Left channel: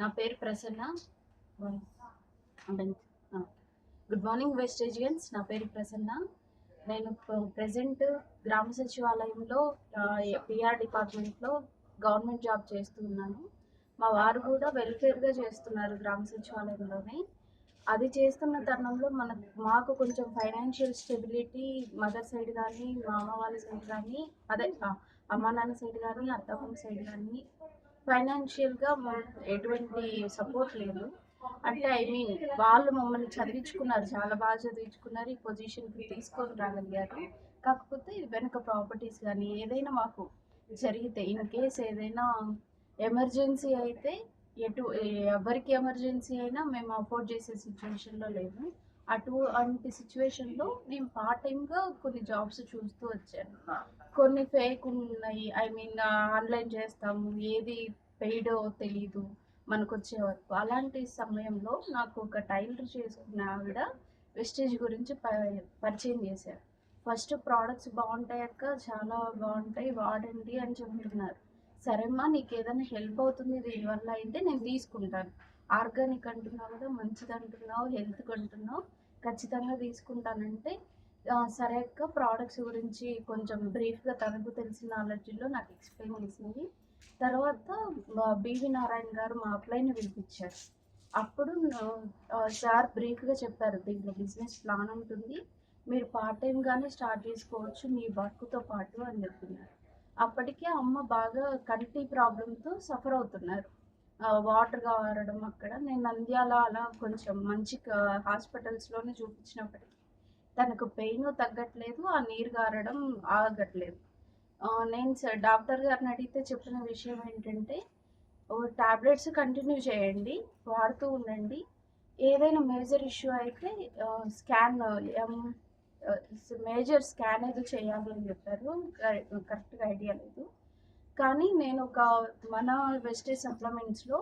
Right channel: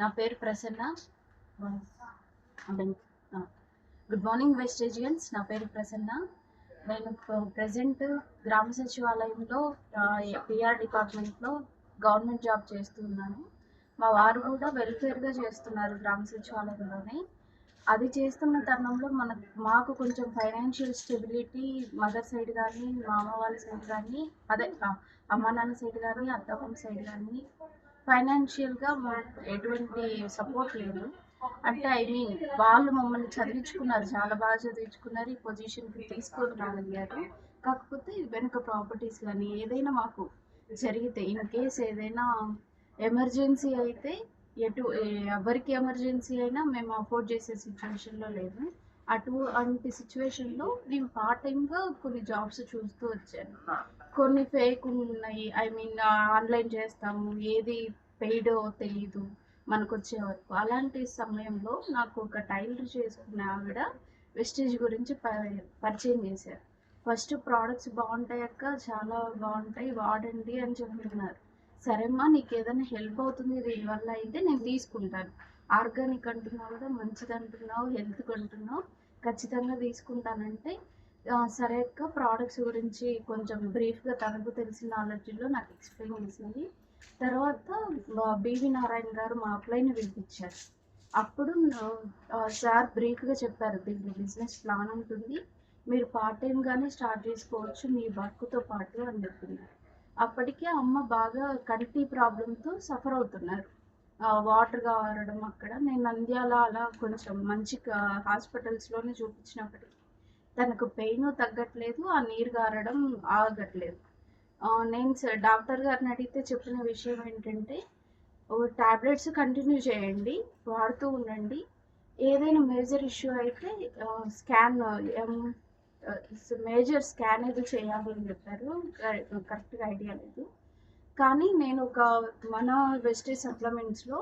నా పేరు Prasanna. Good morning వెస్టేజియన్స్. నా పేరు ప్రసన్న. నేను ప్రజెంట్ గ్రామ సచివాలయంలో పిఆర్ డిపార్ట్మెంట్లో గవర్నమెంట్ జాబ్ చేస్తున్నాను. మా వారు కూడా వెల్ఫేర్గా చేస్తున్నారు గ్రామ సచివాలయంలోనే. అది చేస్తున్న తరుణంలో మాకు కొంచెం ఫైనాన్షియల్ స్టెబిలిటీ మదర్ సైడ్ కానీ, మా అమ్మ వాళ్ళ సైడ్ కానీ, అదే అమ్మ నాన్న సైడ్ కానీ, అత్తమ్మ సైడ్ కానీ ఫైనాన్షియల్గా ఎటువంటి సపోర్ట్ లేదు. అంటే వాళ్ళు మమ్మల్ని చదివించుకున్నారు, చాలా బాగా చదివించుకున్నారు, ఈ పొజిషన్కి తీసుకొని రాగలిగారు. కాకపోతే వెనుక ప్రాపర్టీస్ కానీ ఏదైనా మాకు జరిగితే, ఇన్ కేస్ ఏదైనా ఎమర్జెన్సీ అయితే ఎవరికి ఎమర్జెన్సీ అయినా మేము అఫోర్డ్ చేసే సిచ్యువేషన్లో లేదు. అటువంటి సిచ్యువేషన్లో నేను పార్ట్ టైంగా కొన్ని జాబ్స్ చూస్తూ వచ్చాను. కొన్ని ఫేక్ ఉన్నాయి, ఆన్లైన్ చేస్తాము, ఏది పెయిడో తెలీదు మనకు వచ్చే వరకు. అలాంటి సమయంలో నాకు ఒక టైలర్ చేసుకున్న ఆవిడ వెస్టేజ్ గురించి పరిచయం చేశారు. ఫస్ట్ ప్రోడక్ట్స్ బాగుంటాయక్క, చాలా బాగుంటాయి, వాడండి అని చెప్తున్నారు. సరేమ్మా, నీకు ఏదైనా హెల్ప్ అవుతుంది దీనివల్ల అయితే నేను తీసుకుంటాను, ఆర్గానిక్ అంటున్నావు కదా, మంచిది అంటున్నావు, హెల్త్ అంటున్నావు, ఖచ్చితంగా తీసుకుంటానంటే సరే అక్క, ప్రోడక్ట్స్ గురించి కొంచెం బ్రీఫ్గా తనకు తెలిసిన నాలెడ్జ్లో నాకు ఎక్స్ప్లెయిన్ చేసింది. తర్వాత బివి నారాయణ గారు మా అప్లైని పిలిపించారు. అప్పుడు సార్ బ్రీఫ్గా చెప్పారు, దీంట్లో బిజినెస్ ప్లాన్ ఉంటుంది, మీరు పార్ట్ టైంగానే స్టార్ట్ చేసుకోవచ్చు మీ వర్క్తో పాటు అని చెప్తున్నారు. అప్పటికే అమ్మ బాగా కంటి ప్రాబ్లంతో సఫర్ అవుతున్నారు, వాటర్ కావడం. అక్కడ నేను నంద్యాల అలా కొంచెం మంచి హాస్పిటల్స్లోనే చూపించినప్పటికీ తనకు పెయిన్ తగ్గట్లేదు, ఆ నీరు గారడం ఆగట్లేదు. నేను డాక్టర్ గారిని అడిగితే చెప్పిన విషయం ఏంటంటే, టాబ్లెట్స్ కంటిన్యూ చేయండి, వాడుతూ ఉండండి, ఏదైనా మేజర్ ఇష్యూ అయితే మేజర్ స్కాన్ ఏదో చేయాలని చెప్పారు. కరెక్ట్గా ఐడియా లేదు. కానీ నేను మన వెస్టేజ్ సప్లిమెంట్స్లో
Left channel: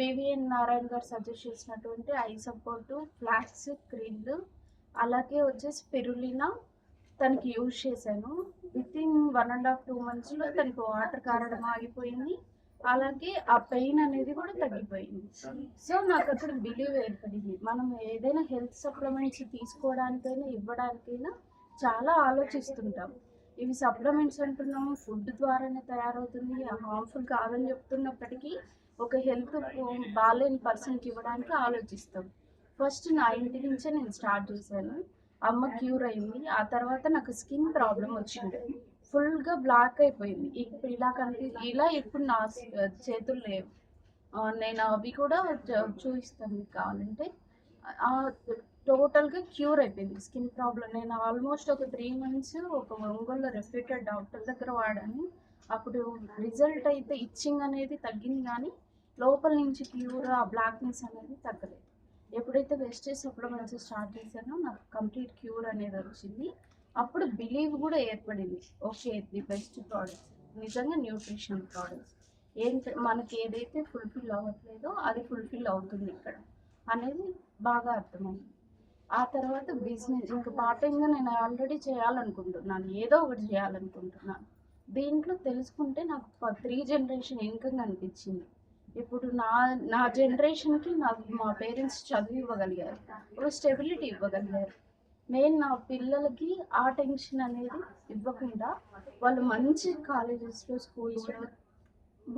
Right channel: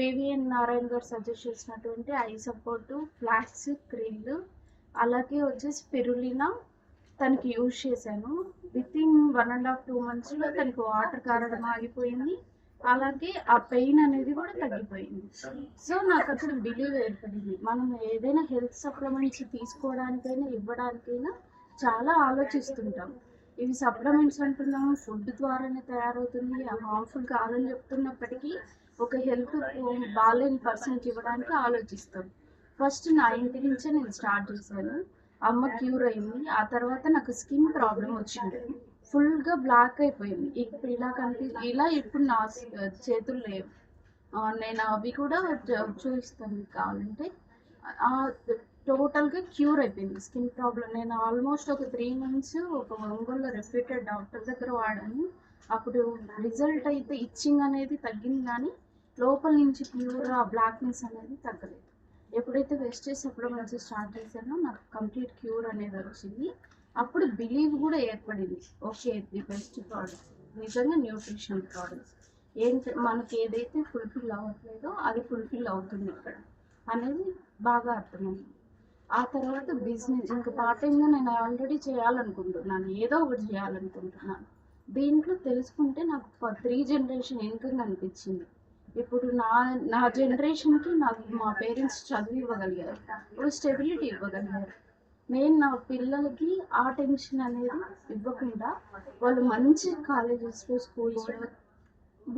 బివిఎన్ నారాయణ గారు సజెస్ట్ చేసినటువంటి ఐ సపోర్టు, ఫ్లాక్స్, క్రిల్, అలాగే వచ్చేసి స్పిరులినా తనకి యూజ్ చేశాను. వితిన్ 1.5-2 monthsలో తనకి వాటర్ కారడం ఆగిపోయింది, అలాగే ఆ పెయిన్ అనేది కూడా తగ్గిపోయింది. సో నాకు అక్కడ బిలీవ్ ఏర్పడింది, మనం ఏదైనా హెల్త్ సప్లిమెంట్స్ తీసుకోవడానికైనా ఇవ్వడానికైనా చాలా ఆలోచిస్తుంటాం. ఇవి సప్లిమెంట్స్ అంటున్నాము, ఫుడ్ ద్వారానే తయారవుతుంది, హార్మ్ఫుల్ కాదని చెప్తున్నప్పటికీ ఒక హెల్త్ బాగాలేని పర్సన్కి ఇవ్వడానికి ఆలోచిస్తాం. ఫస్ట్ నా ఇంటి నుంచే నేను స్టార్ట్ చేశాను. అమ్మ క్యూర్ అయింది. ఆ తర్వాత నాకు స్కిన్ ప్రాబ్లం వచ్చింది, ఫుల్గా బ్లాక్ అయిపోయింది. ఇప్పుడు ఇలా ఇప్పుడు నా చేతులు లేవు. నేను అవి కూడా చూపిస్తాను కావాలంటే. టోటల్గా క్యూర్ అయిపోయింది స్కిన్ ప్రాబ్లం. నేను ఆల్మోస్ట్ ఒక 3 months ఒక ఒంగోలులో రెప్యూటెడ్ డాక్టర్ దగ్గర వాడాను. అప్పుడు రిజల్ట్ అయితే ఇచ్చింగ్ అనేది తగ్గింది, కానీ లోపల నుంచి క్యూర్ ఆ బ్లాక్నెస్ అనేది తగ్గలేదు. ఎప్పుడైతే వెస్టేజ్ సప్లిమెంట్స్ స్టార్ట్ చేశానో నాకు కంప్లీట్ క్యూర్ అనేది వచ్చింది. అప్పుడు బిలీవ్ కూడా ఏర్పడింది, ఓకే ది బెస్ట్ ప్రోడక్ట్స్, నిజంగా న్యూట్రిషన్ ప్రోడక్ట్స్ మనకి ఏదైతే ఫుల్ఫిల్ అవ్వట్లేదో అది ఫుల్ఫిల్ అవుతుంది ఇక్కడ అనేది బాగా అర్థమైంది. ఆ తర్వాత బిజినెస్ ఇంకా పార్ట్ టైంగా నేను ఆల్రెడీ చేయాలనుకుంటున్నాను, ఏదో ఒకటి చేయాలనుకుంటున్నాను. దీంట్లో తెలుసుకుంటే నాకు 3 generation ఇన్కమ్ అనిపించింది. ఇప్పుడు నా జనరేషన్కి మా పేరెంట్స్ చదువు ఇవ్వగలిగారు, స్టెబిలిటీ ఇవ్వగలిగారు. నేను నా పిల్లలకి ఆ టెన్షన్ అనేది ఇవ్వకుండా వాళ్ళు మంచి కాలేజెస్లో, స్కూల్స్లో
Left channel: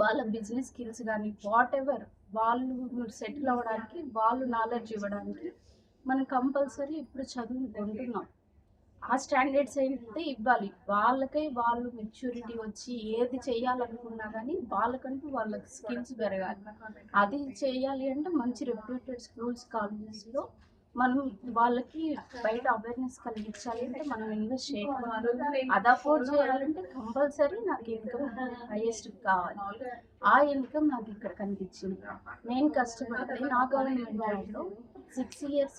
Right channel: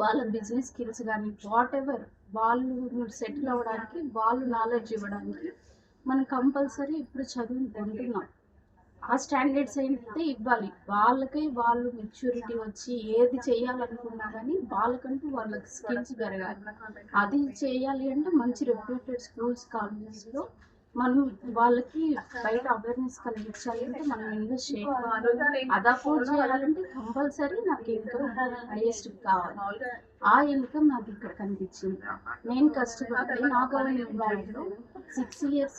వాళ్ళ బిజినెస్ స్కిల్స్ కానీ వాట్ ఎవర్ వాళ్ళు సెటిల్ అవ్వడానికి, వాళ్ళు నాలెడ్జ్ ఇవ్వడానికి మనం కంపల్సరీ ఇప్పుడు చదువుని కొంటున్నాం. ఆ స్టాండర్డ్స్ అయితే ఇవ్వాలి, వాళ్ళు మెచ్యూరిటీ వచ్చి ఏది చేయాలనుకున్నా కానీ వాళ్ళకంటూ వాళ్ళకి స్కిల్స్ పెరగాలి. అది చేయాలి అంటే మంచి రెప్యూటెడ్ స్కూల్స్, కాలేజెస్లో మనం వాళ్ళకి బయట అవేర్నెస్ కలిగించాలి అంటే మనం ఇన్వెస్ట్ చేయాలి. అది అఫోర్డ్ చేయాలంటే కంపల్సరీ నాకు ఇన్కమ్ హైయెస్ట్ కావాలి. ఆ ఇన్కమ్ నాకు ఇక్కడ కనిపించింది. నేను కష్టపడితే నా గవర్నమెంట్లో 6 years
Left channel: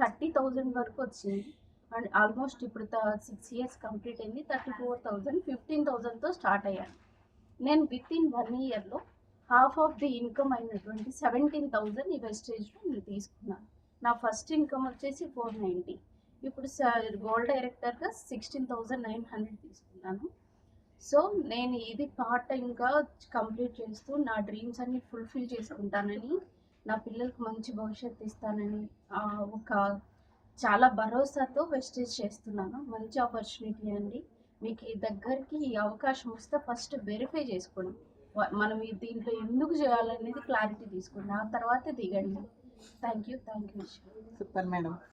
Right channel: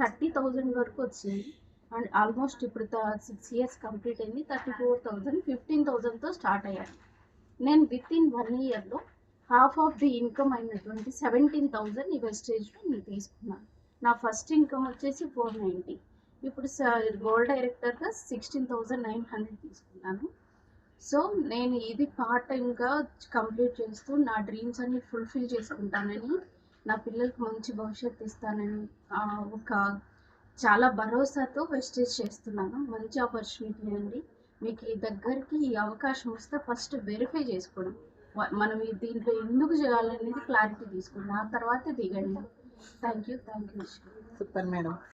30,000 వరకు వచ్చింది. అండ్ ఆల్మోస్ట్ ఇప్పుడు 6 years కంప్లీట్ అయింది. 34,000 15,000తో స్టార్ట్ అయ్యాను. నేను వితిన్ 1 yearలో హాఫ్ ఆఫ్ ది ఇన్కమ్ అయినటువంటి 17,000 ఈ వెస్టేజ్లో నేను తీసుకున్నాను. నా ఫస్ట్ ఇన్కమ్ వచ్చేసి 490, ఇప్పుడు గోల్డ్ డైరెక్టర్గా 16,900 తీసుకున్నాను. సో నేను ఇది పార్ట్ టైంగా కంప్లీట్ చేస్తూ నా డ్రీమ్స్ అన్ని ఫుల్ఫిల్ చేసుకుంటానని, నా పిల్లలకు మంచి భవిష్యత్తు ఇస్తానని ఒక చాలా భరోసాతో వెస్టేజ్ చేస్తున్నాను. మంచి ఆపర్చునిటీ అండి. మీకు ఈ దగ్గరికి ఈ అవకాశం వస్తే ఫస్ట్ వెరిఫై చేసుకోండి. మనం దీంట్లో ఎందుకు చేయాలనేది క్లారిటీ తీసుకోండి. ఆ తర్వాత దిగండి. Thank you. Super madam.